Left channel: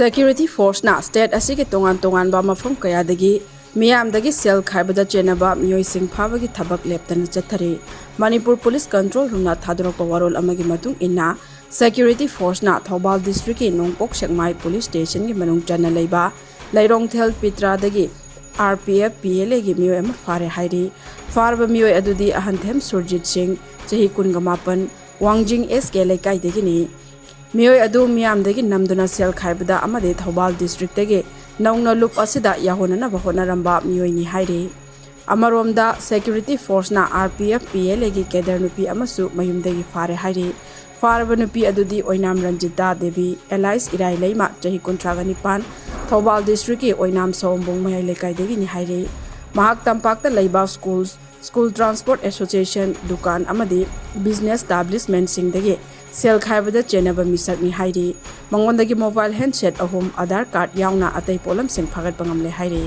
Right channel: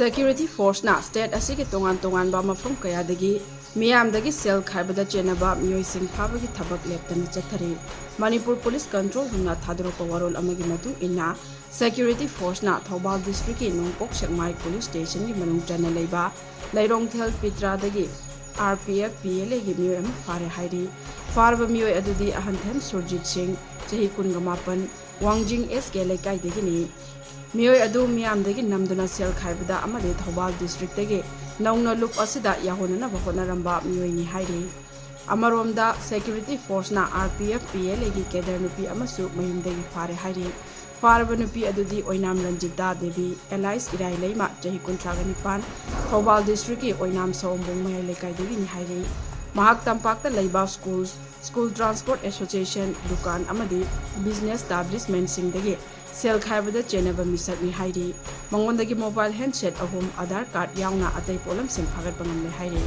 Security force na state asigi tongan ba mafam kayadagi Meeyamdagi sel Khaibada Chennaba Meeoi sing Fabagi Thabak Leptana Chathari Manipur Police Control Room na thadorokpa warol amagi matung inna Security force na Thabak District ki Nongpok Sekmai Police Station ki manung chana leiba Lairongthel Pitra dagi RPF PLA gi Meeoi ama fare hairi farba Meeoi adudi ahanthem Surjit Singh chahi 18 Wangjing SK laikai dagi ni Meeoi adu Meeyamdagi namduna sel Khaibada amade Thabak District dagi naungna loop asida yahonana bahona ramba Meeoi ni hairi amaromda security force na RPF PLA gi kedar nupi amasu mayumdagi fare hairi farba nupi adudi oinam Ranjita Devi Elias Irai Leima chahi 19 Thabak District ki oinam Sombong Mayai lekai dagi ni hairi mahak tampakta leiba school transport association dukan amadi business establishment sing dagi sel Khaibada Chennaba misak ni hairi mangondagi mobile handset ahum Aadhaar card yauna atay polam sing phagat pangamle hairi